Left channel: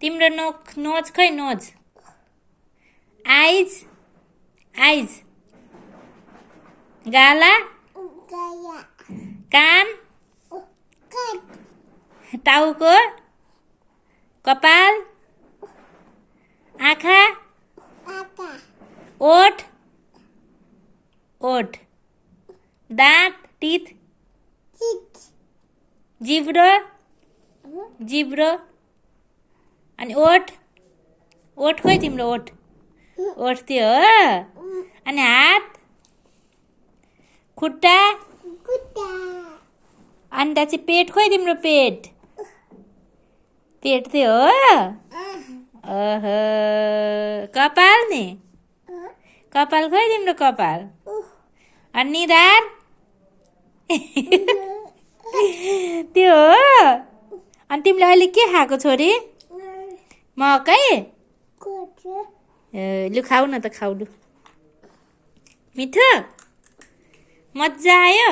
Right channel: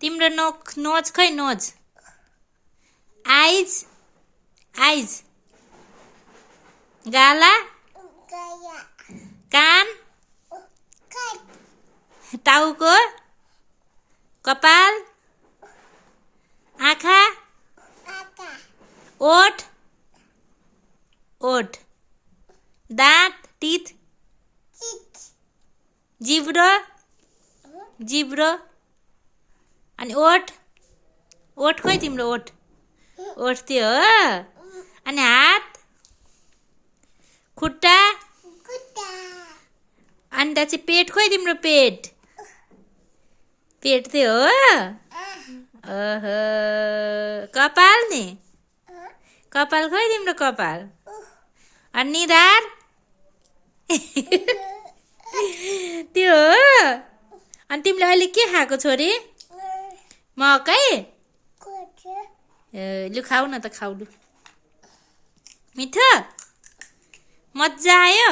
तिम्रो नोज खै नोज आइज आइज गाला कान टाउको कपाल आँखा ओठ ओठ दाँत टिथ जिब्रो जिब्रो अनि ओठ ओठ खोइ तिम्रो ओठ ओठ त्यो हो अनि हात खुट्टा अनि चाहिँ पेट खोइ तिम्रो पेट पेट त्यो हो कपाल नि कपाल खोइ तिम्रो कपाल अनि निधार त्यो हो अनि तिमीले अहिले के खाएको छोरी मकै लु खाऊ न त खाऊ लु मिठो मजा आयो